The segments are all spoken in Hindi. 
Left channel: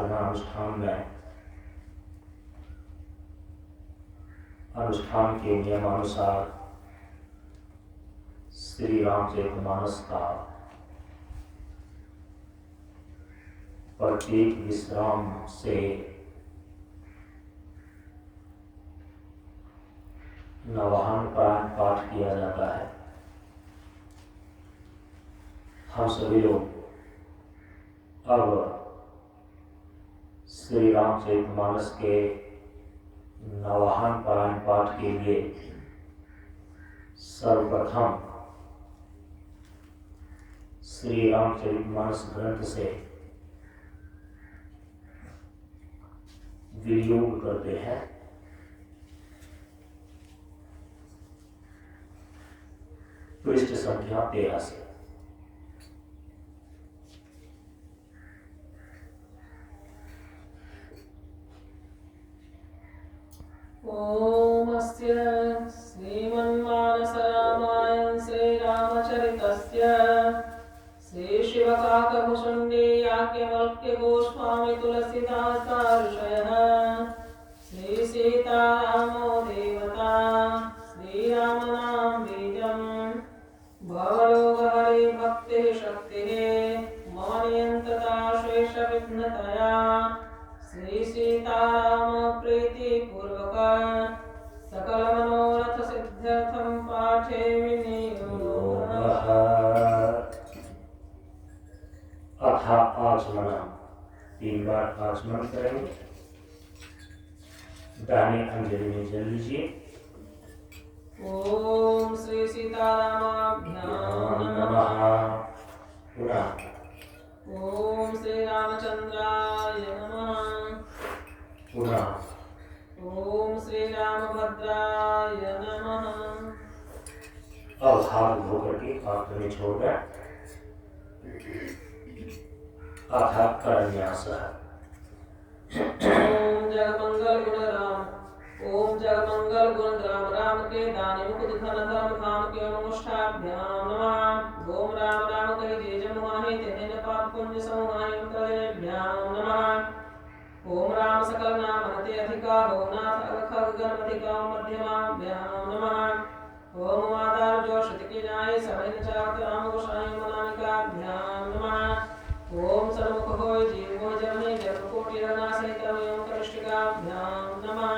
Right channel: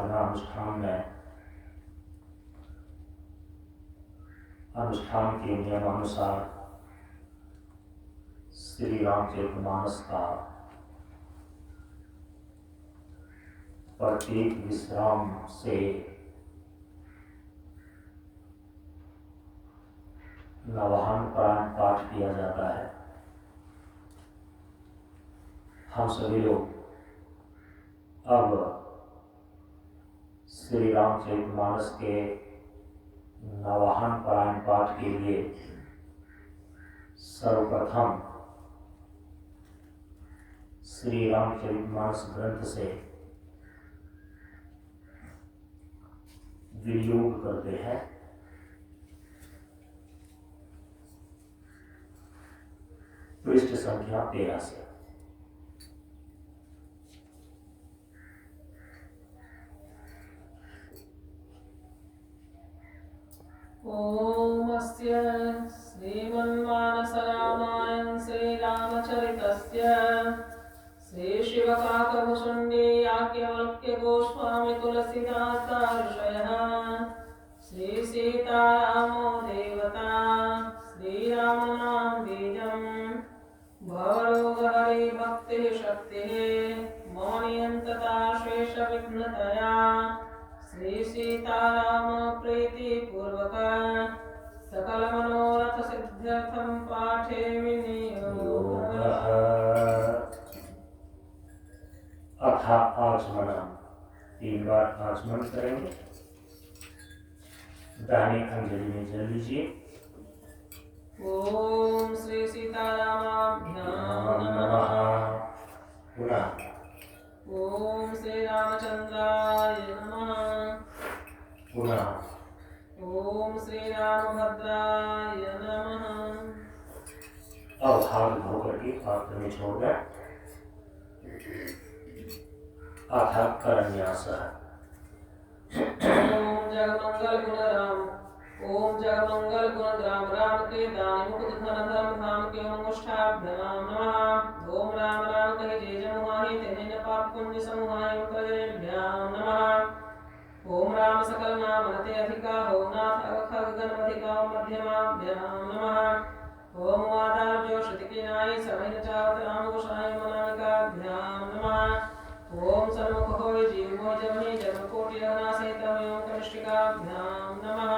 साधना अनुष्ठान में अनुष्ठान के नियमानुसार श्री रामचरितमानस का प्रत्येक विश्राम से नवाहन पाठ किया जाता है। हम सभी लोग अब श्री रामचरितमानस के नवाहन पाठ के लिए सर्वप्रथम श्री रामचरितमानस ग्रंथ से वियोग करते हैं। पृष्ठ संख्या 13 से। ओम अस्य श्रीमन्मानस रामायण श्रीरामचरितस्य श्री शिवकाकभुषुण्डी याज्ञवल्क्य गोस्वामी तुलसीदासार्षयः श्री सीतारामो देवता श्रीरामनाम बीजम् भवरोगहरे भक्तिः शक्तिः मम नियन्तता शेषविघ्नतया श्री सीताराम प्रीति पूर्वक सकल मनोरथ सिद्ध्यर्थम पाठे विनियोगः। अथा आचमनम 3 बार आचमन करेंगे। दाहिने अंजलि में जल लीजिए। ओम श्री सीतारामाभ्याम नमः। पुनः ओम श्री रामचंद्राय नमः। पुनः ओम श्री रामभद्राय नमः। अब हाथ धो करके हाथ में छोड़कर अथा करन्यास। ओम जगमंगल गुण राम ओम जगमंगल गुण राम राम के दानि मुकुट धन धर्म धाम के अनुष्ठाभ्याम नमः। ओम राम राम कहि जे जमुहाहि तेन पाप पुण्य समुहाय प्रजनेभ्याम नमः। ओम राम सकल नाम अति अधिका हो नाथ अवखग गणपतिका मध्यमाभ्याम नमः। ओम माता जो श्रुति की नाई समय चावत राम गोसाई मनामिकाभ्याम नमः। ओम सन्मुख होय जीव होय जनहि जन्म कोटि अगना सहित एवं कनिष्ठिकाभ्याम नमः।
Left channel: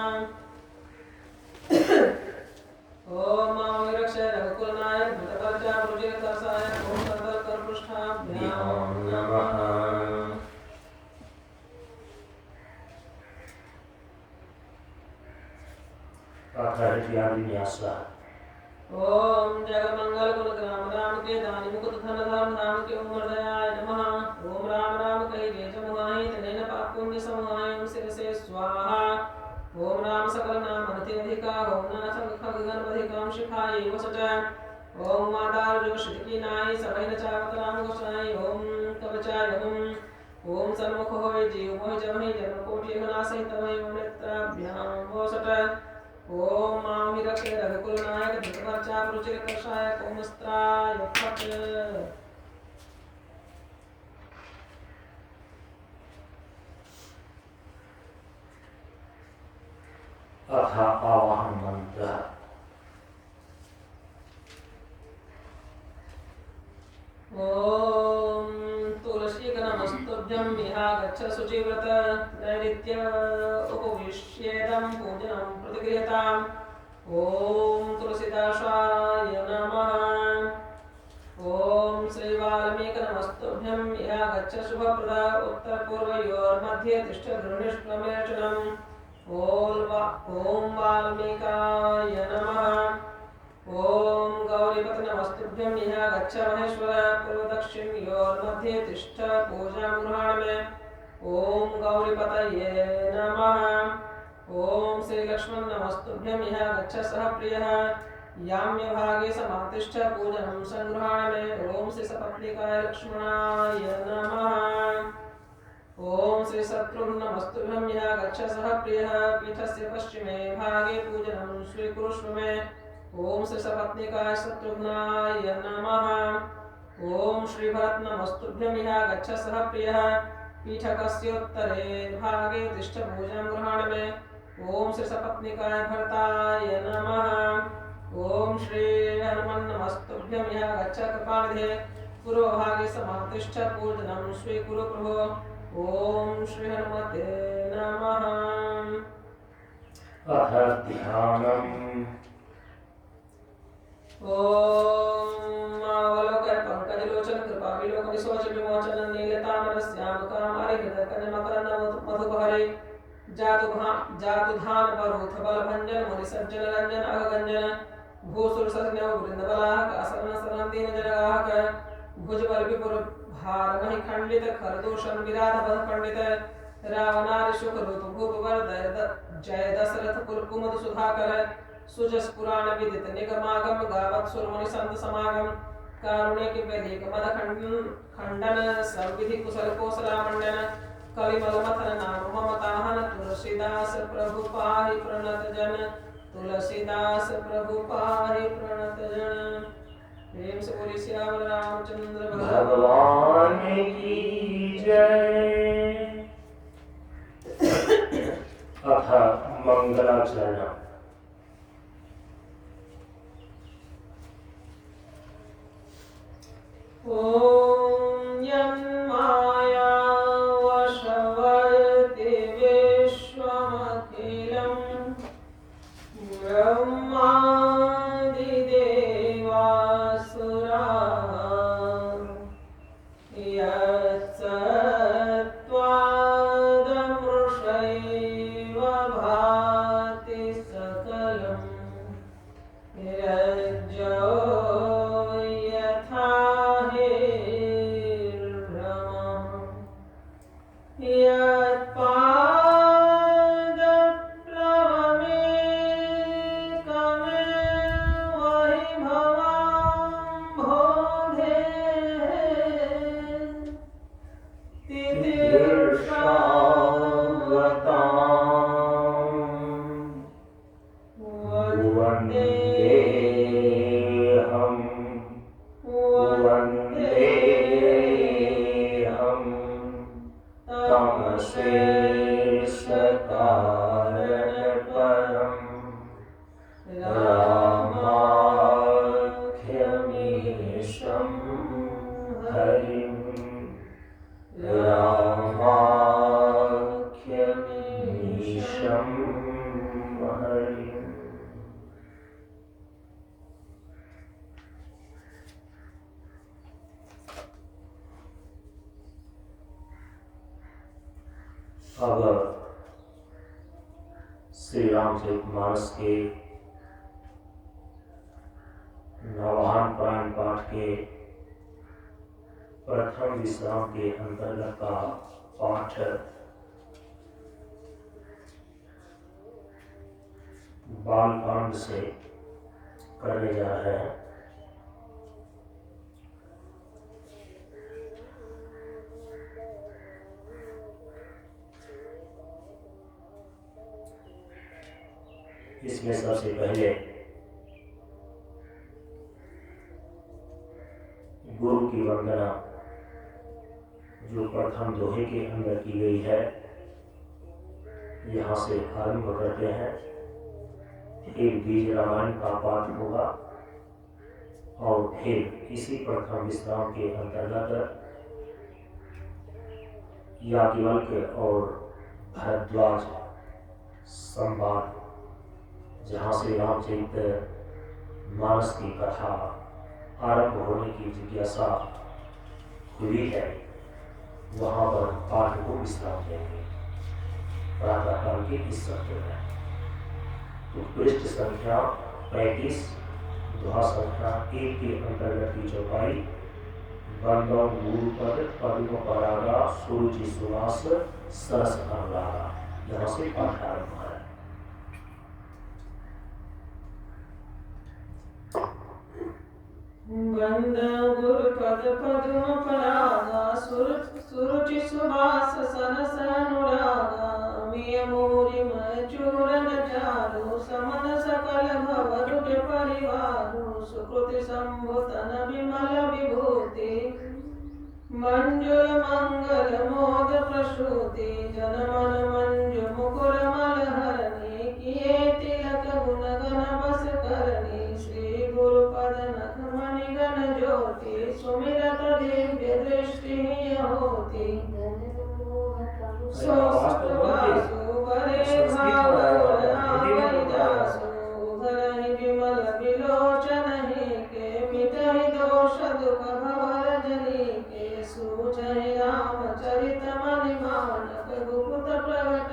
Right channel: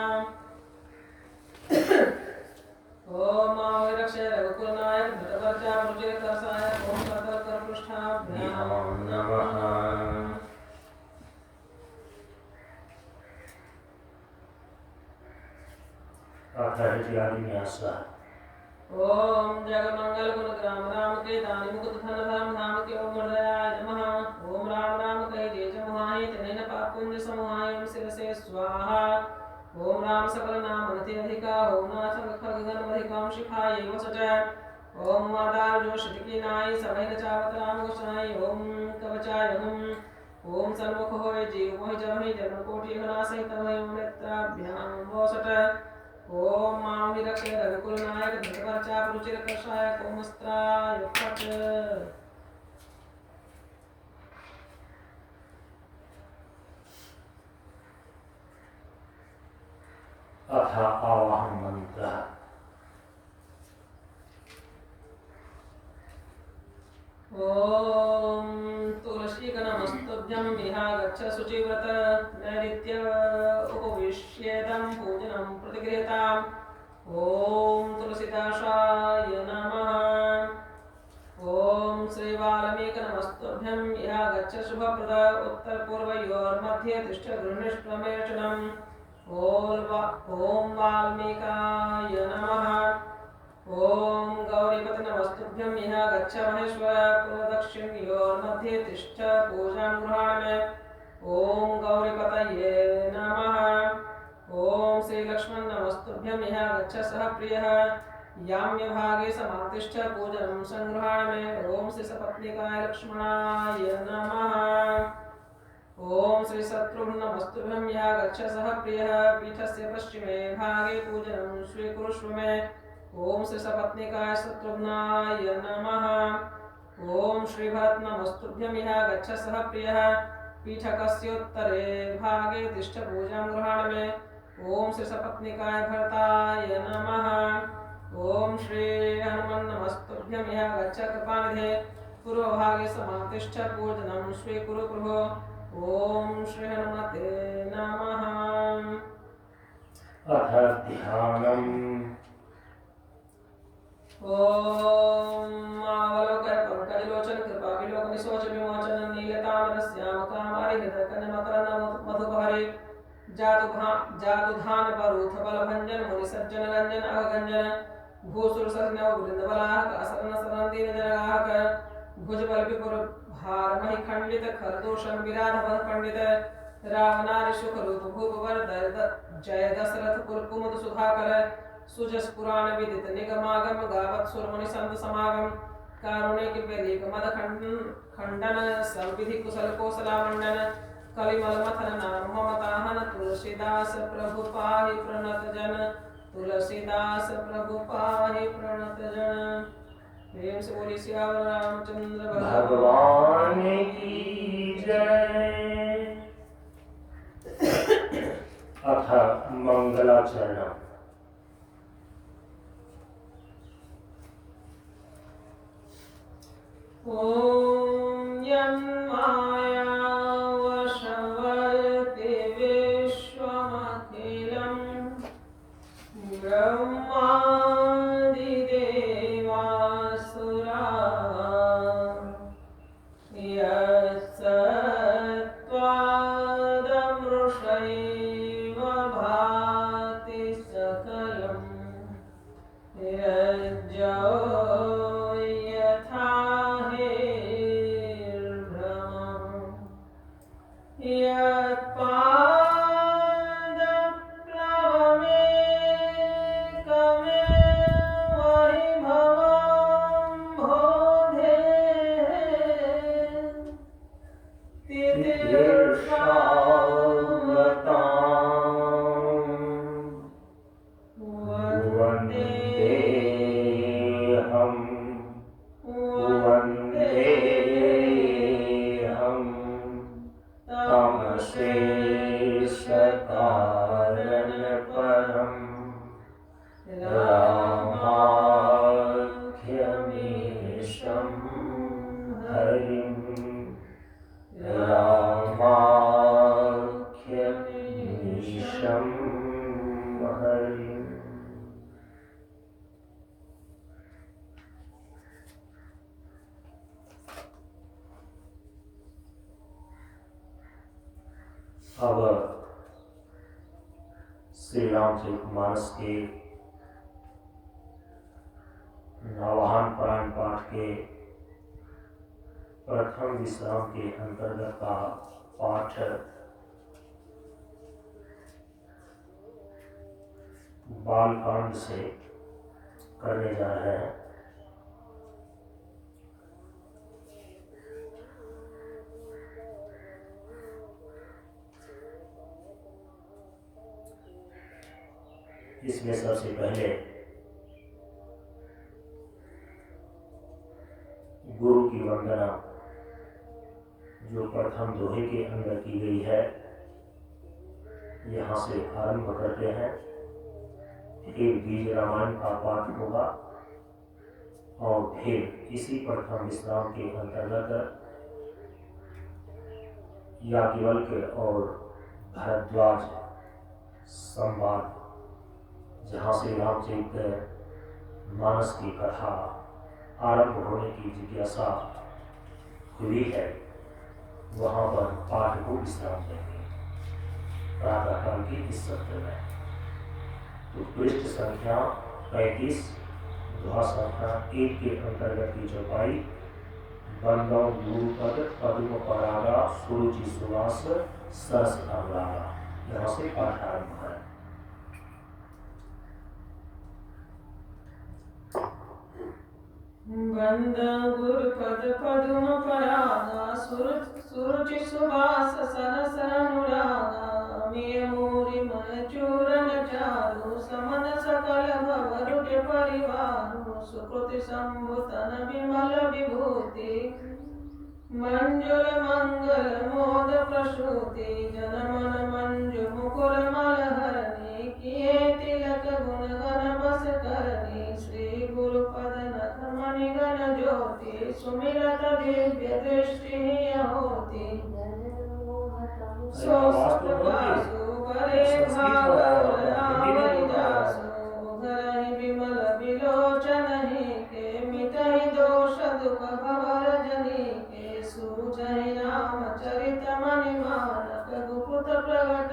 ओम मां रक्षय रघुकुल नायक भृत परचा रुचिर करसाय ओम सर्वल कर पृष्ठाभ्याम नमः। अथर्वन्यास। ओम जगमंगल गुण राम राम के दानि मुकुट धन धर्म धाम के ओम हृदयाय नमः। ओम राम राम कहि जे जमुहाहि तेन पाप पुण्य समुहाय ओम शिव से स्वाहा। ओम राम सकल नाम अति अधिका हो नाथ खग गणपतिकाम शिखाय वसच। ओम माता जो श्रुति की नाई समय न चावत राम गोसाई ओम कवचाय हम। ओम सन्मुख होय जीव मोहि जमहि जन्म कोटि अगना सहित ओम नेत्राभ्याम वसट। ओम मां रक्षय रघुकुल नायक धृत परचा रुचिर कषाय कौमस्त्राय फट। अथा आवाहन मंत्र। ओम तुलसी नमस्तुभ्यं विहागच्छ शुचिव्रत नैऋत्य उपविश्येदं पूजनं प्रतिगृहताम्। ओम तुलसीदासाय नमः। ओम श्री वाल्मीकि नमस्तुभ्यं विहागच्छ शुभप्रदा उत्तर पूर्वयोर्मध्ये तिष्ठ गृह्णष्टमेर्चनम्। ओम वाल्मीकाय नमः। ओम गौरीपत नमस्तुभ्यं इह गच्छ महेश्वर पूर्वदक्षिणयोर्मध्ये तिष्ठ पूजां गृहाण मे। ओम गौरीपतये नमः। ओम श्री लक्ष्मण नमस्तुभ्यं इह गच्छ सह प्रियः याम्य भागे समातिष्ठ पूजनं संगृहाण मे। ओम श्री सपत्नीकाय लक्ष्मणाय नमः। ओम श्री शत्रुघ्न नमस्तुभ्यं इह गच्छ सह प्रियः पीठस्य पश्चिमे भागे पूजनं स्वीकुरुष्व मे। ओम श्री सपत्नीकाय शत्रुघ्नाय नमः। ओम श्री भरत नमस्तुभ्यं इह गच्छ सह प्रियः पीठकस्योत्तरे भागे तिष्ठ पूजां गृहाण मे। ओम श्री सपत्निकाय भरताय नमः। ओम श्री हनुमन्नमस्तुभ्यं यः गच्छ कृपानिधे पूर्वभागे समातिष्ठ पूजनं स्वीकुरु प्रभो। ओम श्री हनुमते नमः। अथ ध्यानम्। ओम अवलोकय पंकजलोचन कृपा विलोक विशोच विमोचन नीलतामर श्याम कामारि हृदय कन्य मकरंद मधुपहरे जातु धान परूथ बल भंजन मुनि सज्जन रंजन अगंजन भूसुर सजन वृंद बलाहक असरन सरन दीन जनगाहक भुज बल विपुर भार महि खंडित खरदूषण विराध बध पंडित रावणारि शुक रूप भूप वर जय दशरथ कुल कुमुद सुधाकर सुजस पुराण विदित निगमागम गावत सुरमुनि संत समागम कारुणिक वेलिक मद खंडन सर्वविधि कुशल कोसला मंडन कलिमल मथन नाम मम ताहन तुलसीदास प्रभु पाहि प्रणत जन तुलसीदास प्रभु पाहि प्रणत जन। प्रेम से बोली सियावर रामचंद्र भगवान की जय। अथ मंगलाचरण। ओम यं माया वशवर्ति विश्वमखिलं ब्रह्मादिदेवासुराः यत्सत्त्वादमृषैव भाति सकलं यज्जो यथा अब श्री रामचरितमानस के नवाहन पुराण पाठ के प्रथम विश्राम के अंतर्गत का पाठ बालकांड से करने जा रहे हैं। इसमें सबसे पहले गुरु की वंदना जो प्रथम दोहे के अंदर की गई है, यहाँ से आरंभ करते हैं। एक बीज रामायण का पाठ होगा और फिर इसी प्रथम विश्राम के अंतर्गत याज्ञवल्क्य और भारद्वाज संवाद, जहाँ से रामचरित मानस की कथा आरंभ होने की जिज्ञासा हुई है, वहाँ पर पाठ को विश्राम देंगे प्रातःकाल के इस सत्र में। तो पृष्ठ संख्या 35, दोहा संख्या 1 के अंतर्गत की चौपाई। बंदौ गुरुपद पद्म परागा सुरुचि सुवास सरस अनुरागा, यहाँ से पाठ आरंभ है। बंदौ गुरुपद पद्म परागा सुरुचि सुवास सरस अनुरागा मिय मूरि मय चूरन चारु समन सकल भवरुज परिवारु सुकृति संभुतन विमल विभूति मंजुल मंगल मोद प्रसूति जन मन मंजु मुकुर मलहरणी किए तिलक गुण गण बस करनी श्री गुरुपद नथ मणि गण ज्योति सुमिरत दिव्य दृष्टि होती सो सुप्रभासु वरे भावर आवै जासु उधरहि विमल विलोचन ही के मिटहि दोष दुख भवर जनी के सूझहि रामचरित मणि मानक गुप्त प्रगट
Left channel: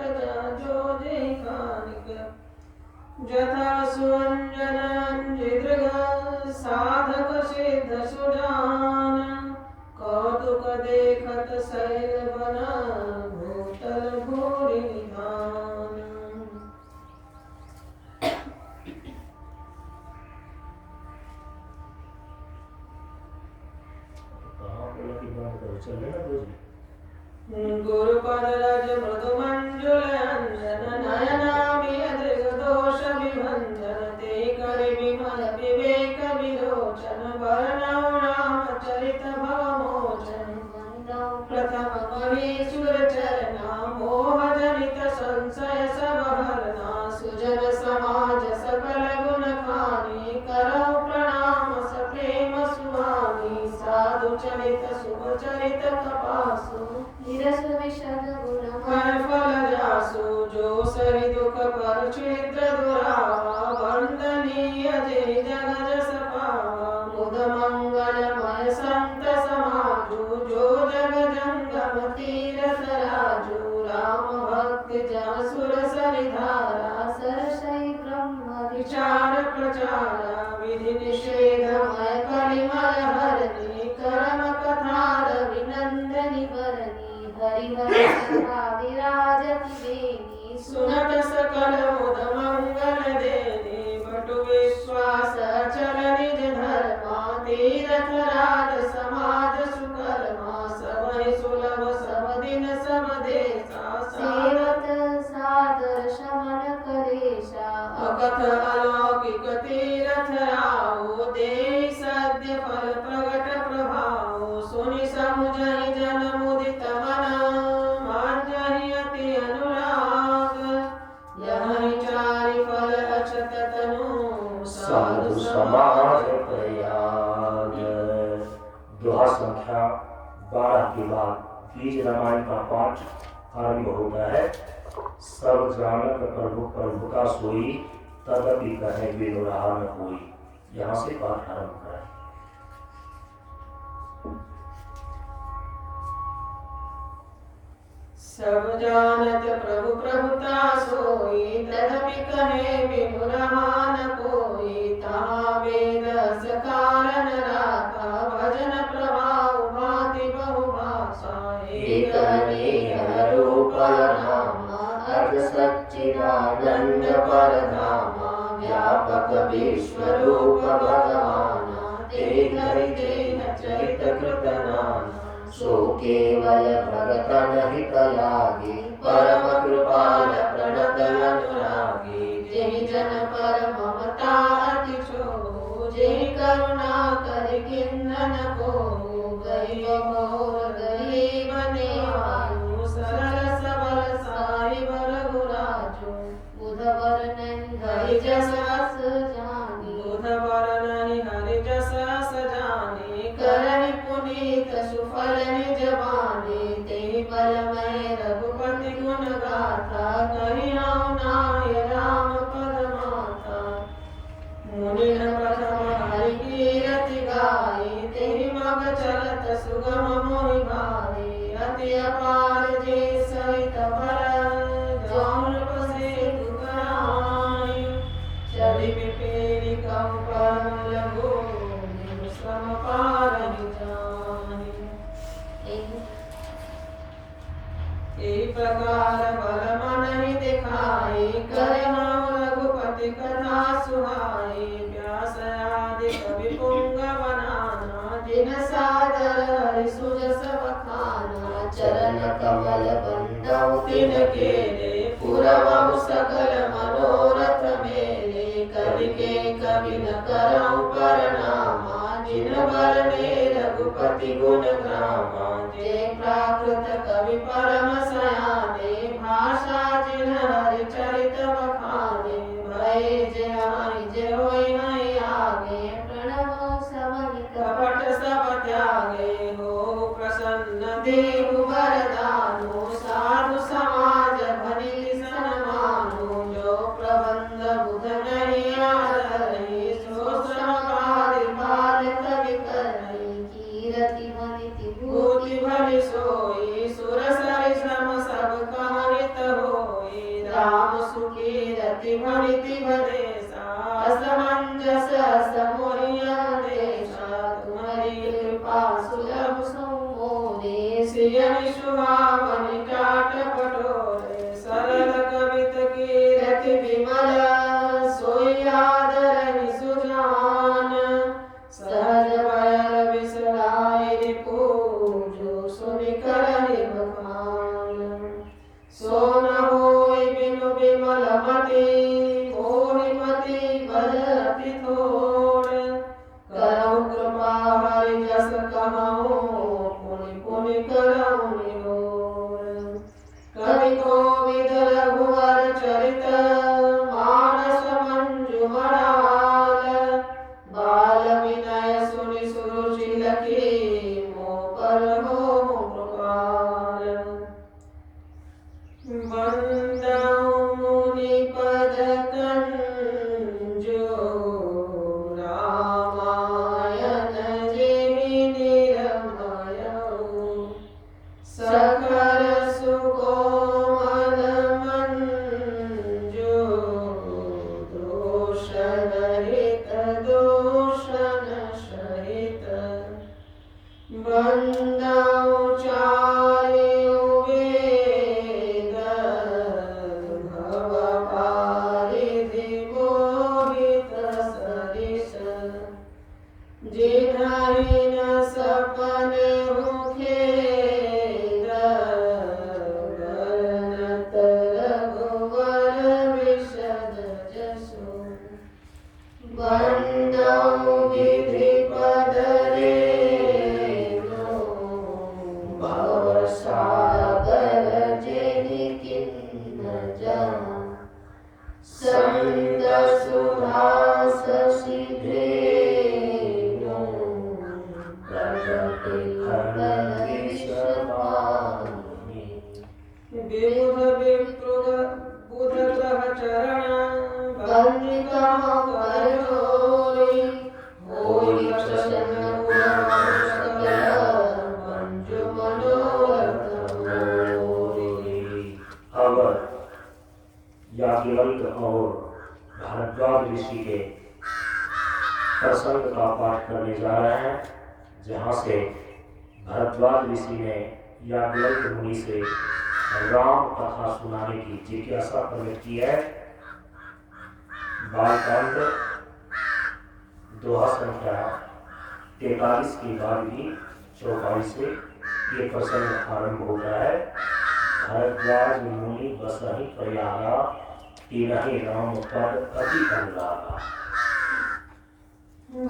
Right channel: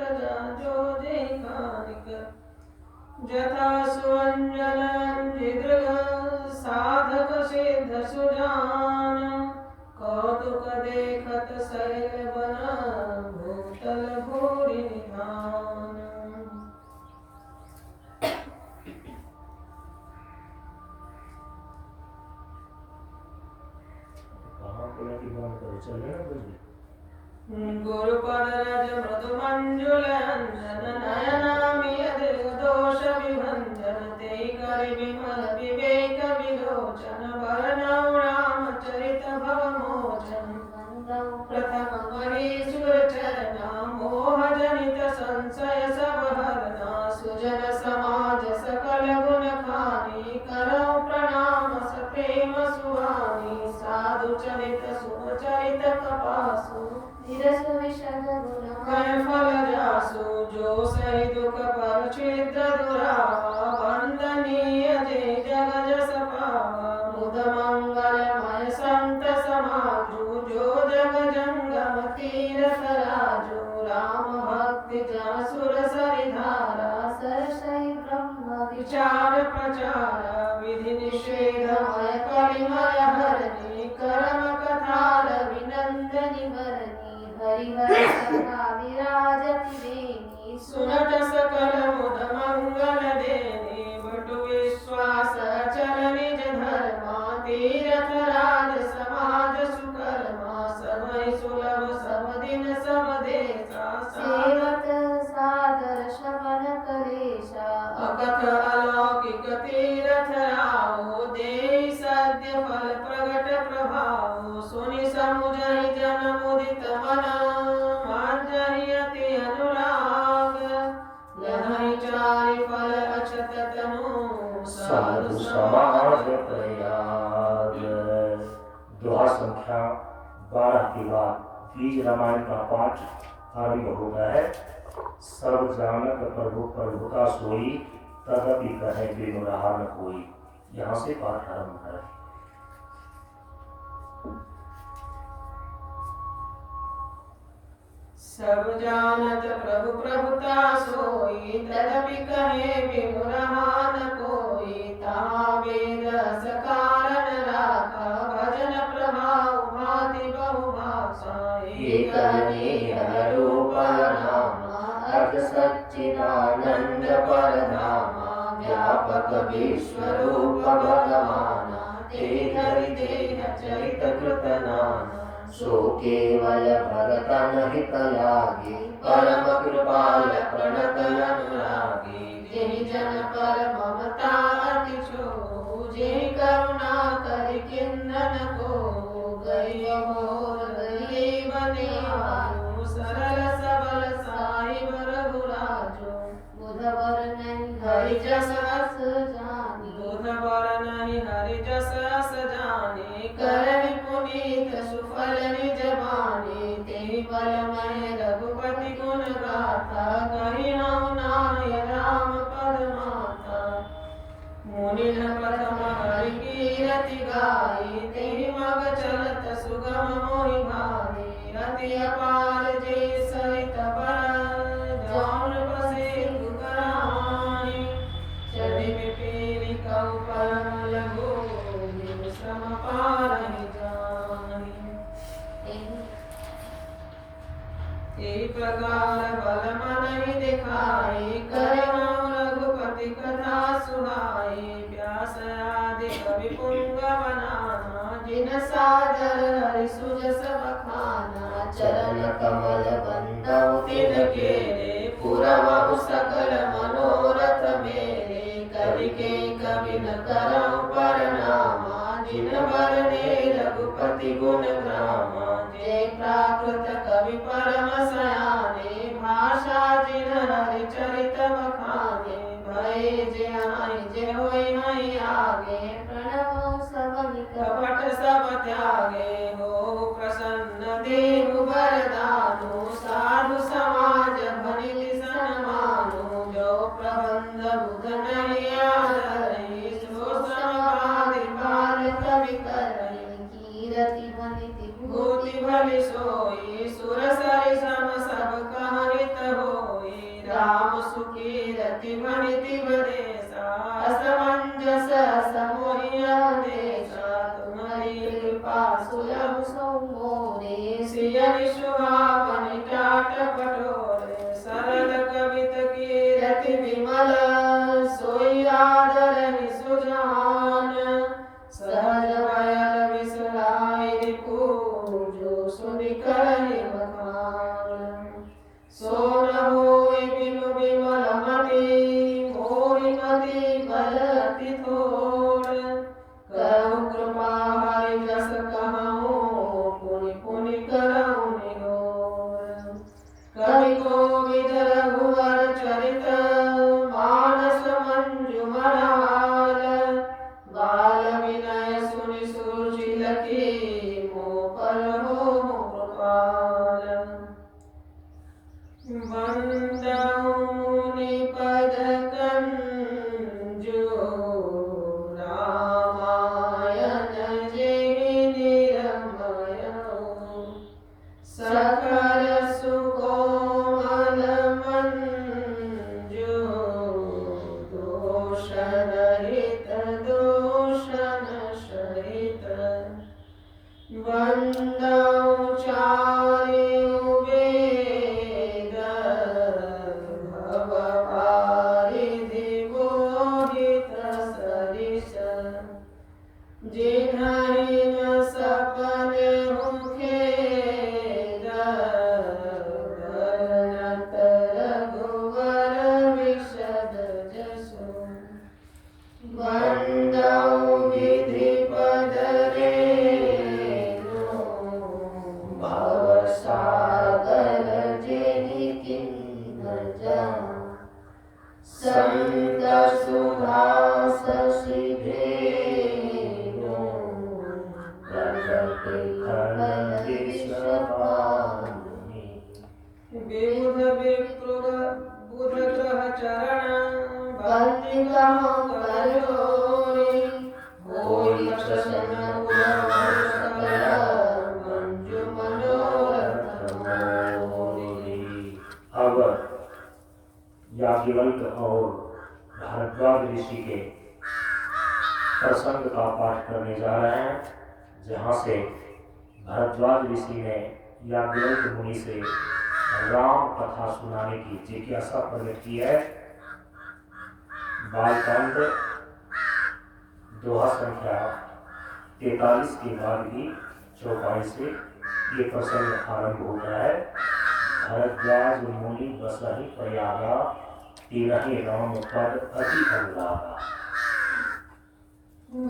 जो जय कानिक जथा सुअंजन अंजिदृग साधक सिद्ध सुजान कौतुक देखत शैल बन भूतल भूरि निधान। गुरुपद रज मृदु मंजुल अंजन नयनामि अदृग दोष विभंजन ते कर विमल विवेक विलोचन वर्णौ रामचरित भवमोचन प्रथम महीसुर चरना मोह जनित संशय सब हरना सुजन समाज सकल गुण खानी करौ प्रणाम सप्रेम सुहानी साधु चरित शुभ चरित कपासु धीरसु विशद गुण कै फल जासु जो सहि दुख पर छिद्र दुरावा वंदनीय जय जग जस पावा मुद मंगलमय संत समाजु जो जग जंगम तीरथ राजु राम भक्ति जासुर सरिधारा सरसई ब्रह्म विचार प्रचार विधि निषेधमय परिमल हरणी करम कथार विनंदनी वरनी हरिवर सभा विराजति बेनी सुनत सकल मुद मंगल देनी बटु विश्वास चल निज धर्मा तीरथ राज समाज सुकर्मा सबहि सुलभ सब दिन सब देशा सेवत सादर शमन कलेशा अकथ अलौकिक तीरथ राहो देहि सद्य फल प्रगट प्रभाव सुनि समुझहि जन मुदित मन मांजहि अति अनुराग लहहि चारि फल अक्षत तनु साधु समाज प्रयाग। दोहा संख्या 12 के बाद बीज रामायण का पाठ आरंभ हो गया है। सब जानक प्रभु प्रभु का सोई तदपि कहे विमुराह न कोई। यहाँ से पाठ आरंभ है। सब जानत प्रभु प्रभुता सोई तदपि कहे विमुराह न कोई। तहाँ वेद सकारन राखा भजन प्रभाव भाति बहु भाषा एक रूप नामा अर्थ सच्चिदानंद परधामा व्यापक विश्व रूप भगवाना ते धरि देह चरित कृत नाना। सो केवल भगतन हित लागे परम कृपाल प्रणत अनुरागे। जेहि जन पर ममता अति छोहु जेहि करुणा कर किन्नन कोहु। गरीब मोर गरीब नेवायु सरल सबल साहिब रघुराजु। बुधवर नहीं हरि जस अस जानी बुधवर नहीं हरि जस अस जानी करहि पुनीत सुफल निज बानी। तेहि बलमय रघुपति गुण गाथा कहिनौ नाय राम पद माथा। मुनिन प्रथम हरि कीरति गाई तेहि मग चलत सुगम मोहि भाई। अति अपार जे सहित बल जौन सेतु कराई। चढ़ि विपेरि कहु परम लघु बिनु श्रम पारहि जाहि। एहि प्रकार बल मनहि दिखाई करहु रघुपति कथा सुहाई। व्यास आदि कवि पुंग बनाना जिन सादर हरि सुजस बखाना। चरण कमल बंदौ तिन केले पुरवहु सकल मनोरथ मेरे। कवि के कवि न करहु परनामा जिन बरने रघुपति गुण ग्रामा। सो न होय बिनु बिमलमति मोहिमति बल अति थोर करहु कृपा हरि जस कहूँ पुनि पुनि करहु निरोर कवि कोविद रघुवर चरित मानस मंजुमराल बाल विनय सुनि सुरुचि लखी मोह पर मोह कृपाल वंदऊ मुनि पद कंजो रामायण जेहि निरमयऊ सकल सुकोमल मंजू दोषन हित दोषन सहित वंदऊ चार्यु वेद भव पारिधि मोहित सरिस जिन्हि न सपने खेद गरनत रघुवर विशद जसु वंदऊ विधि पद रेणु भव सागर जेहि किन्न जान संत सुहास सिधेनु प्रगति फल विषपानि विबुध बुध ग्रह चरण बंदिकहु कर जोरी होई प्रसन्न सकल मंजु मनोरथ मोरी। अब याज्ञवल्क्य और भारद्वाज ऋषि के प्रसंग का पाठ करने जा रहे हैं, जहाँ से भारद्वाज ऋषि ने याज्ञवल्क्य मुनि से राम कथा सुनाने की जिज्ञासा प्रकट की है। बालकांड दोहा संख्या 43 के बाद की चौपाई से ये प्रसंग आरंभ होता है। भारद्वाज मुनि बसहि प्रयागा तिनहि राम पद अति अनुरागा।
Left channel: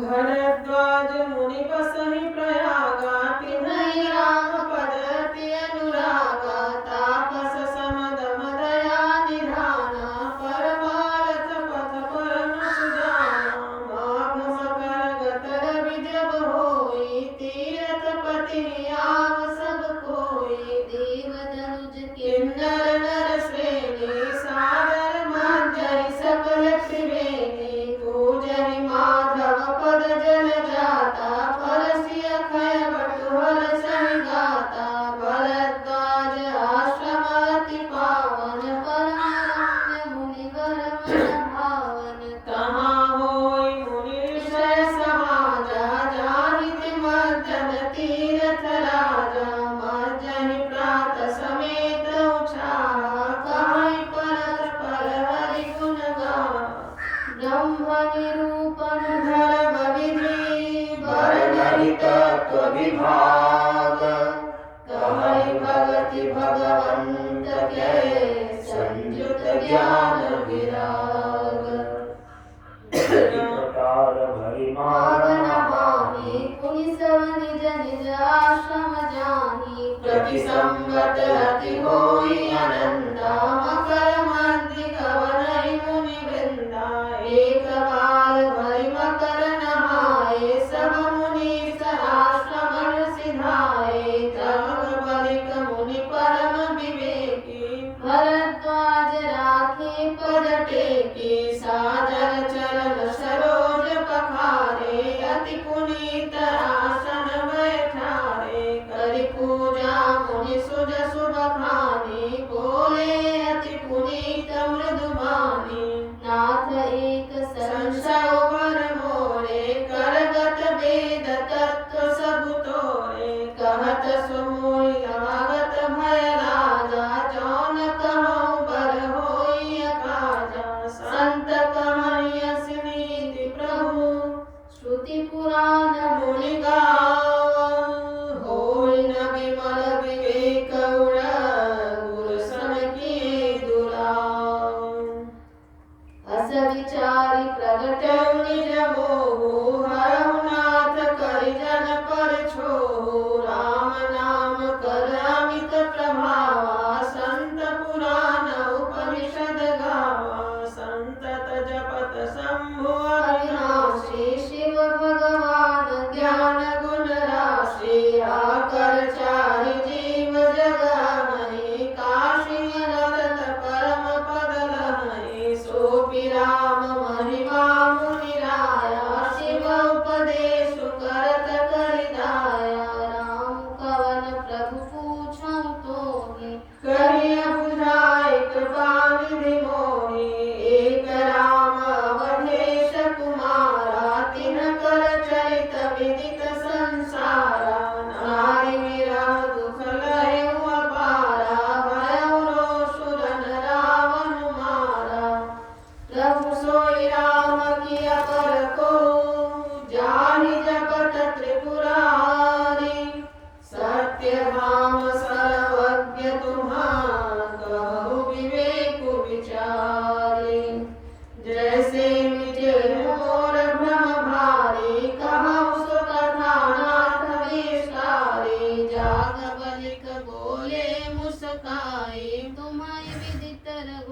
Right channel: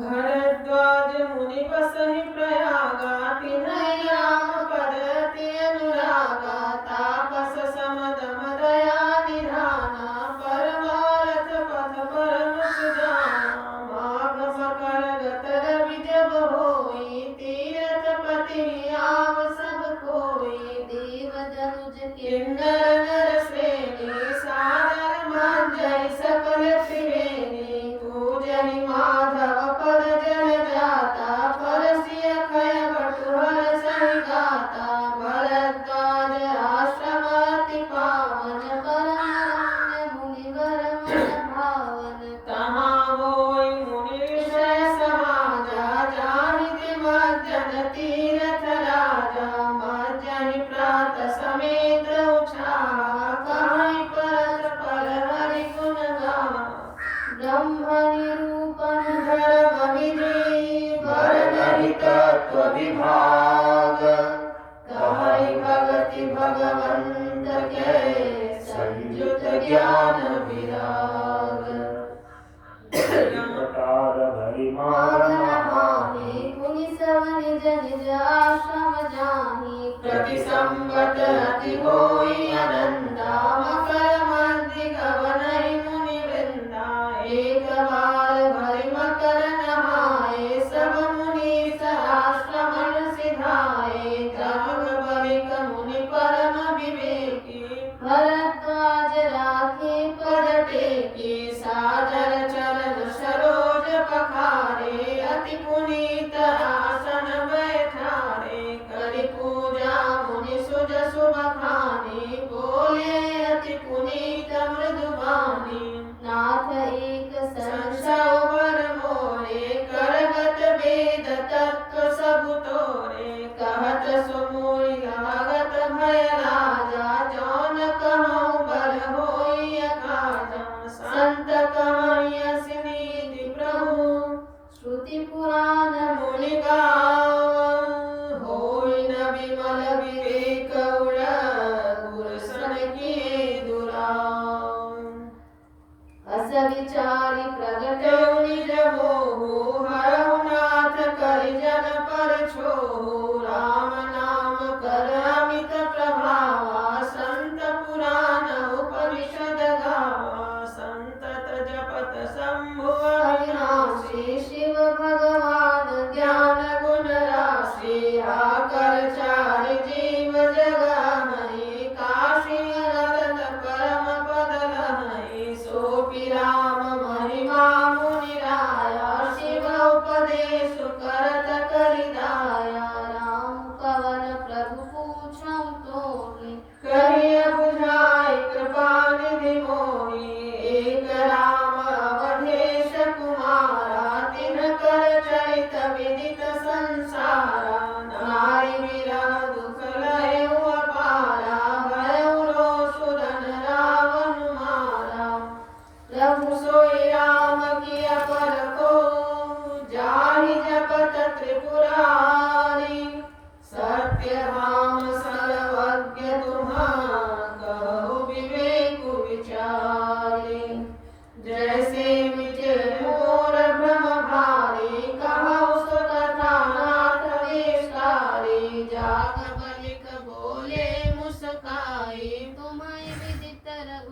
भारद्वाज मुनि बसहि प्रयागा तिन्हि राम पद अति अनुरागा तापस समदम दया निधाना परमारथ पथ परम सुजाना माघ मकर गत रवि जब होई तीरथ पति आव सब कोई देव दनुज किन्नर नर श्रेणी सादर मंजरी सकल त्रिवेणी पूजहि माधव पद जल जाता परसिय खय बटुहर सहि गाता भरद्वाज आश्रम अति पावन परम मुनिवर मन भावन तहाँ होई मुनिषय समाजा जाहित मज्जन तीरथ राजा मज्जहि प्रात समेत उछाहा कहीं परत पर हरि गुण गाहा ब्रह्म निरूपण धर्म विधि वर्णहि तत्व विभाग कहीं भगति भगवंत के संयुत ज्ञान विराग प्रकार भरि मागन मागन हानि पुनि सब निज निज आश्रम जाहि प्रति संवत अति होई अनंता मकर मंदिक वनहि मुनि वृंदा एक बार भरि मकर नहाए सब मुनीस आश्रमन सिधाए तब बलिक मुनि परम विवेकी भरद्वाज राखे पद टेकी सादर चरण सरोज पखारे अति पुनीत आसन बैठारे करि पूजा मुनि सुज सुबखानी बोले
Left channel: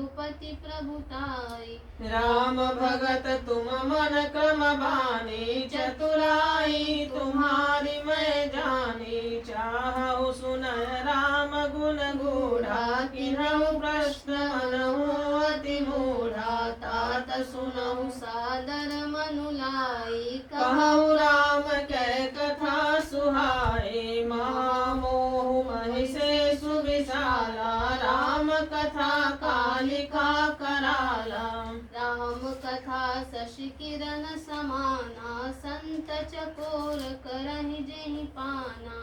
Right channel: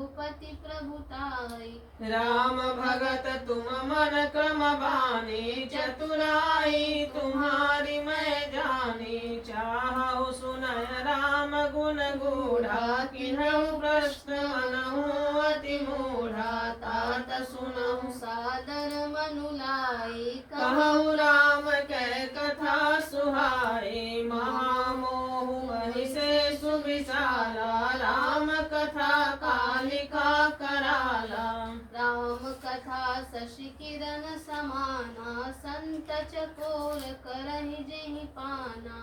रघुपति प्रभुताई। राम भगत तुम मन क्रम बानी, चतुराई तुम्हारी मैं जानी। चाहु सुनय राम गुण गूढ़ा, किन्हु प्रश्न मनहु अति मूढ़ा। तात सुनहु सादर मनुलाई। कहु राम कै कथा सुहाई। महामोह महिषे सुविशाला, राम कथा कालिका कराला। राम कथा शशि किरण समाना, संत चकोर करहि जेहि पाना।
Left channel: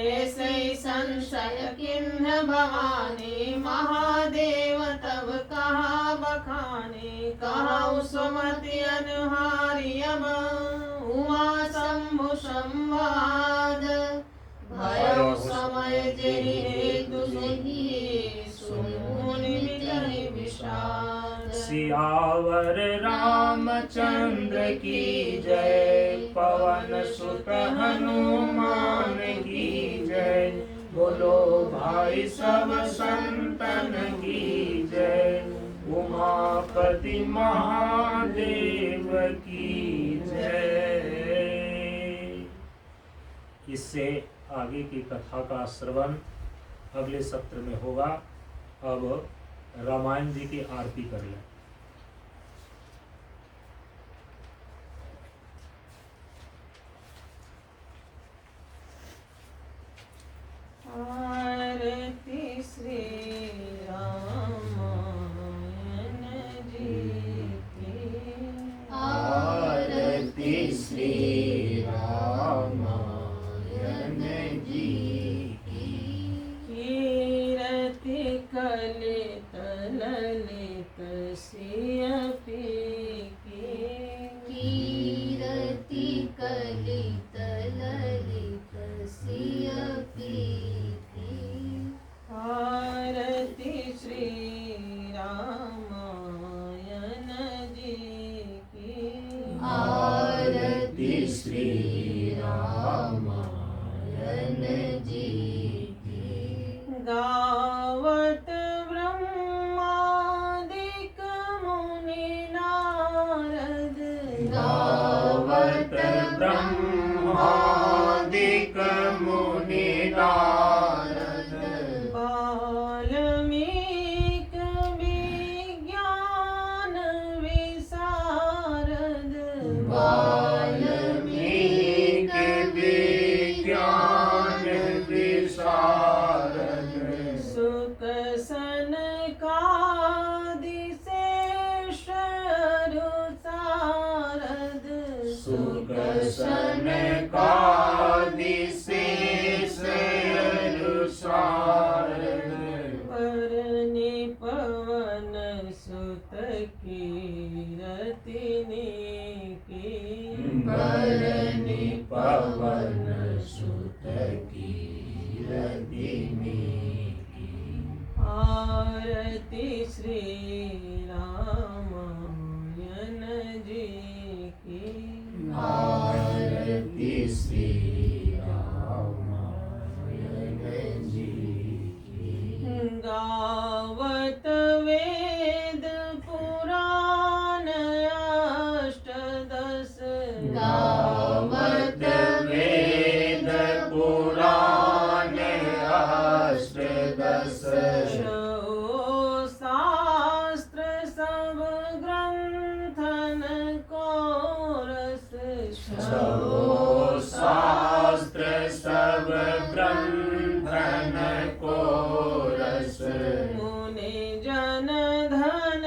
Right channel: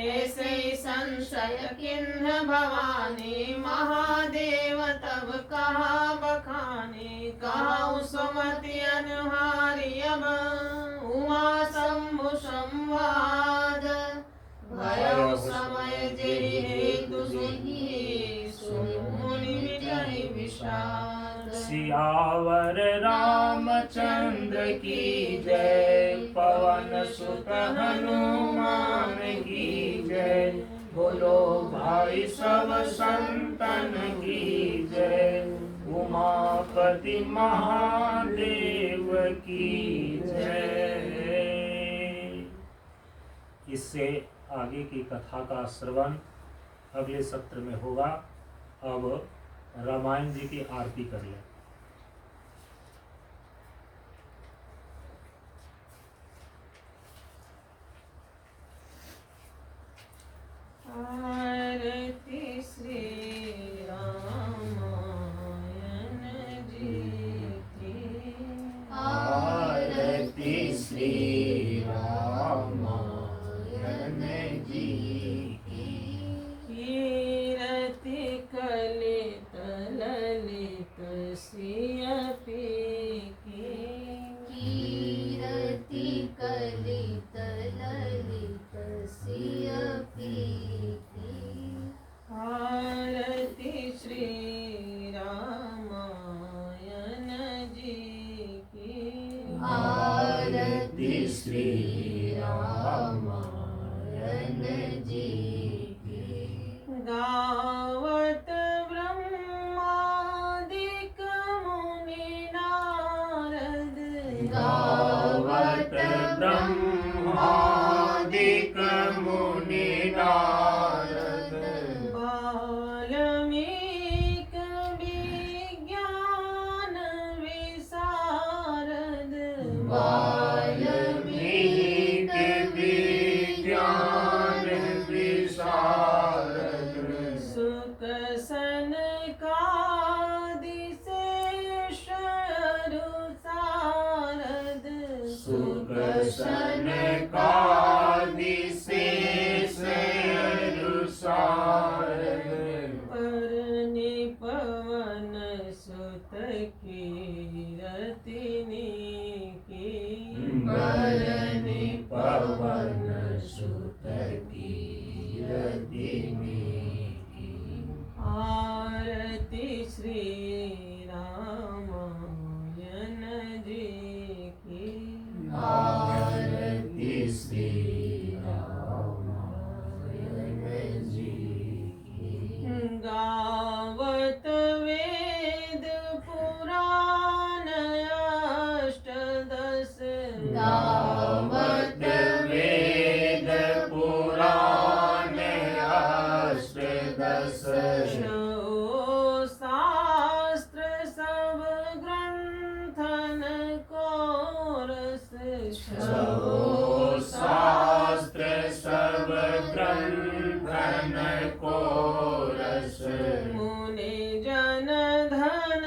ऐसे संशय किन्ह भवानी, महादेव तब कहा बखानी। कहु सुमति अनुहारी अब, उमा शंभु संवाद। भयो समय जेहि हेतु सुनी, सुनि मिटहि विषाद। सियावर रामचंद्र की जय, पवन सुत हनुमान की जय। बोलो भाई सब संतन की जय, उमापति महादेव की जय। इससे आगे की कथा का श्रवण अगले सत्र में होगा। अब रामायण जी की आरती कर लें। आरती श्री रामायण जी की। आरती श्री रामायण जी की। कीरति कलित ललित सिय पीकी। कीरति कलित ललित सिय पीकी। आरती श्री रामायण जी की। आरती श्री रामायण जी की। गावत ब्रह्मादिक मुनि नारद। गावत ब्रह्मादिक मुनि नारद। वाल्मीकि विज्ञान विशारद। वाल्मीकि विज्ञान विशारद। सुख सनकादि शेष सारद। सुख सनकादि शेष सारद। परनि पवन सुत कीरति की। परनि पवन सुत कीरति की। आरती श्री रामायण जी की। आरती श्री रामायण जी की। गावत वेद पुराण अष्टदश। गावत वेद पुराण अष्टदश। शास्त्र सब ग्रंथन को रस। शास्त्र सब ग्रंथन को रस। मुनि जन धन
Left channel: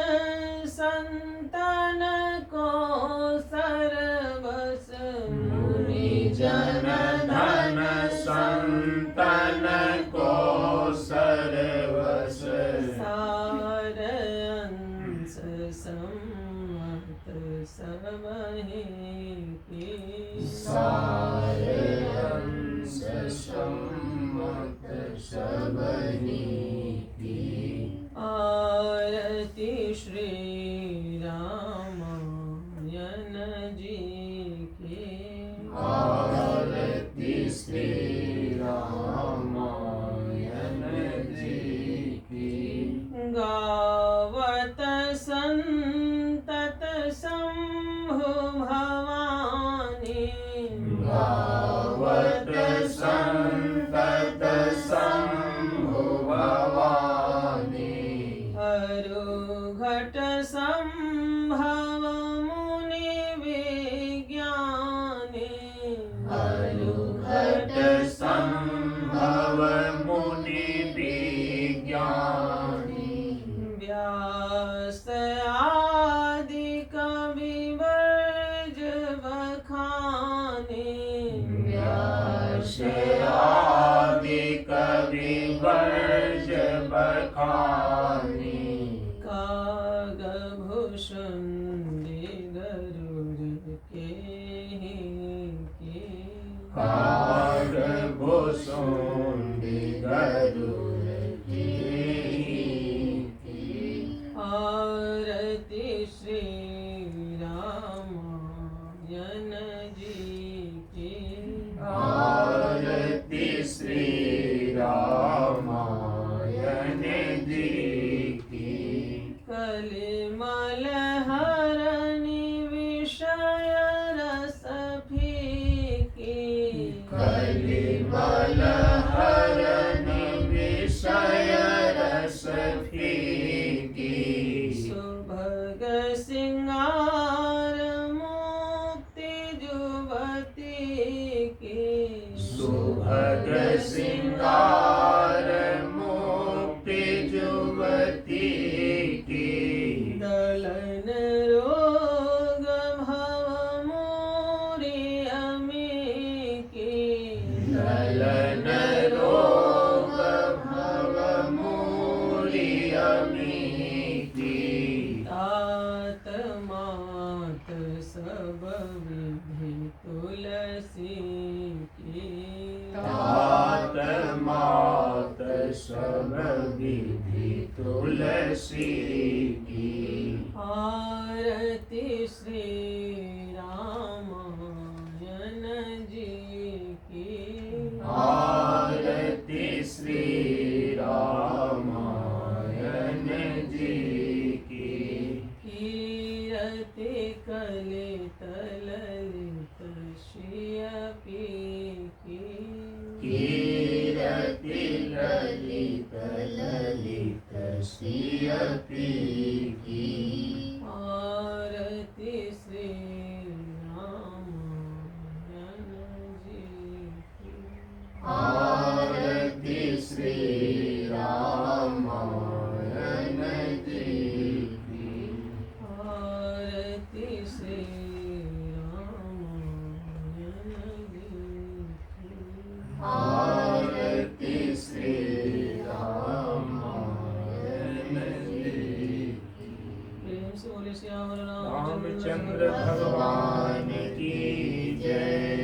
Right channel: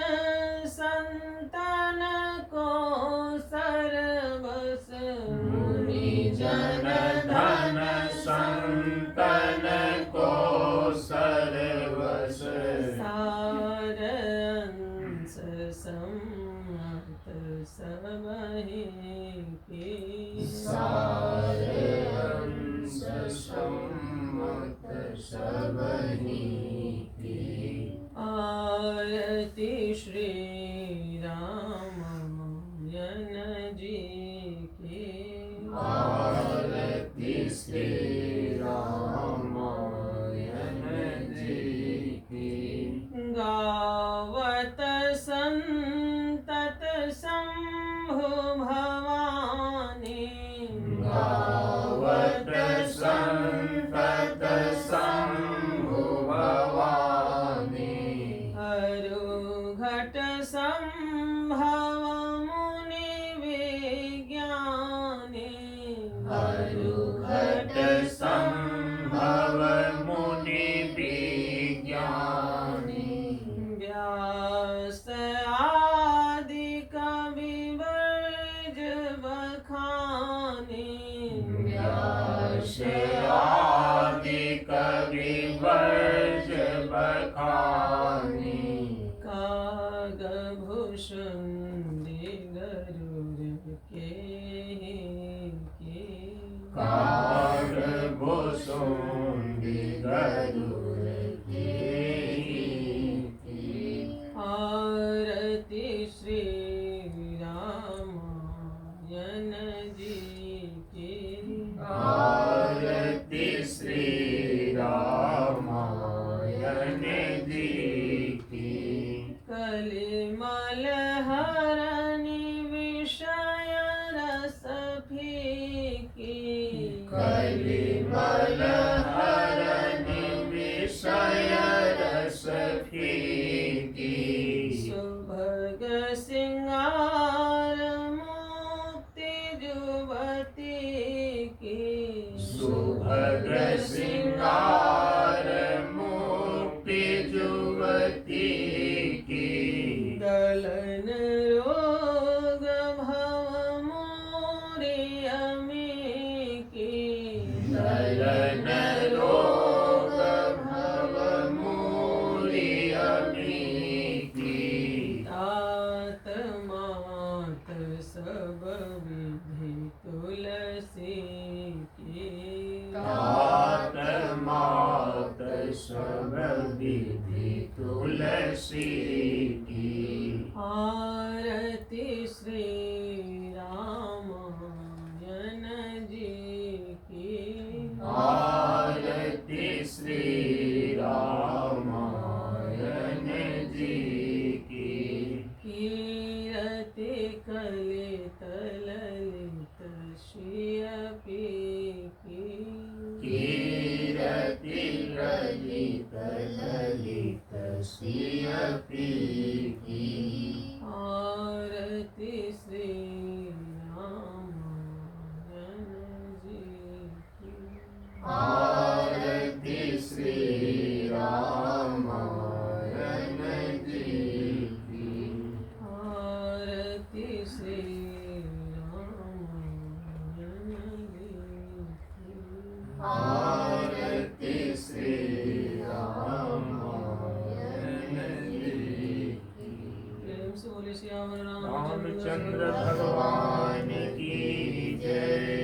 संतन को सरवस। मुनि जन धन संतन को सरवस। सार अंश सम्मत सबहि की। सार अंश सम्मत सबहि की। आरती श्री रामायण जी की। आरती श्री रामायण जी की। गावत संभव मुनि विज्ञानी मरुघट संभव मुनि विज्ञानी व्यास आदि कवि वर्ज बखानी व्यास आदि कवि वर्ज बखानी कागभूषण गरुड़ के कागभूषण गरुड़ के आरती श्री रामायण जी की आरती श्री रामायण जी की कलिमल हरनि विषय रस फीकी कलिमल हरनि विषय रस फीकी सुभग सिंगार मुक्ति जुवती की सुभग सिंगार मुक्ति जुवती की दलन रोग भव मोरी अमी की दलन रोग भव मूरी अमी की तात मात सब विधि तुलसी की तात मात सब विधि तुलसी की आरती श्री रामायण जी की आरती श्री रामायण जी की कीरति कलित ललित श्रियपी की कीरति ललित ललित श्रियपी की आरती श्री रामायण जी की आरती श्री रामायण जी की आरती श्री रामायण जी की आरती श्री रामायण जी की प्रेम से बोले श्याम रामचंद्र भगवान की जय।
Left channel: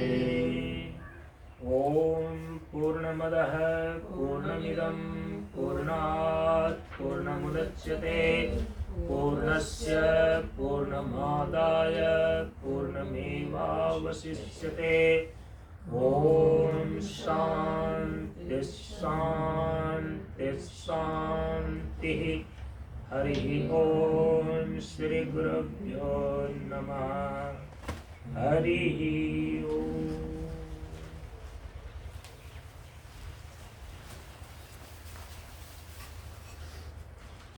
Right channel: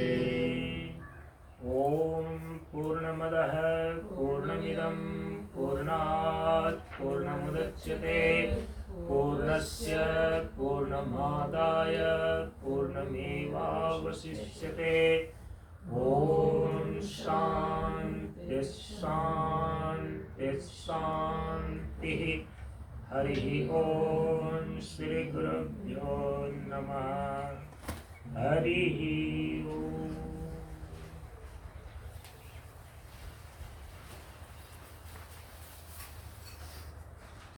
ओम पूर्णमदः पूर्णमिदं पूर्णात् पूर्णमुदच्यते पूर्णस्य पूर्णमादाय पूर्णमेवावशिष्यते। ओम शांति शांति शांति। हरि ओम श्री गुरुभ्यो नमः। हरि ओम।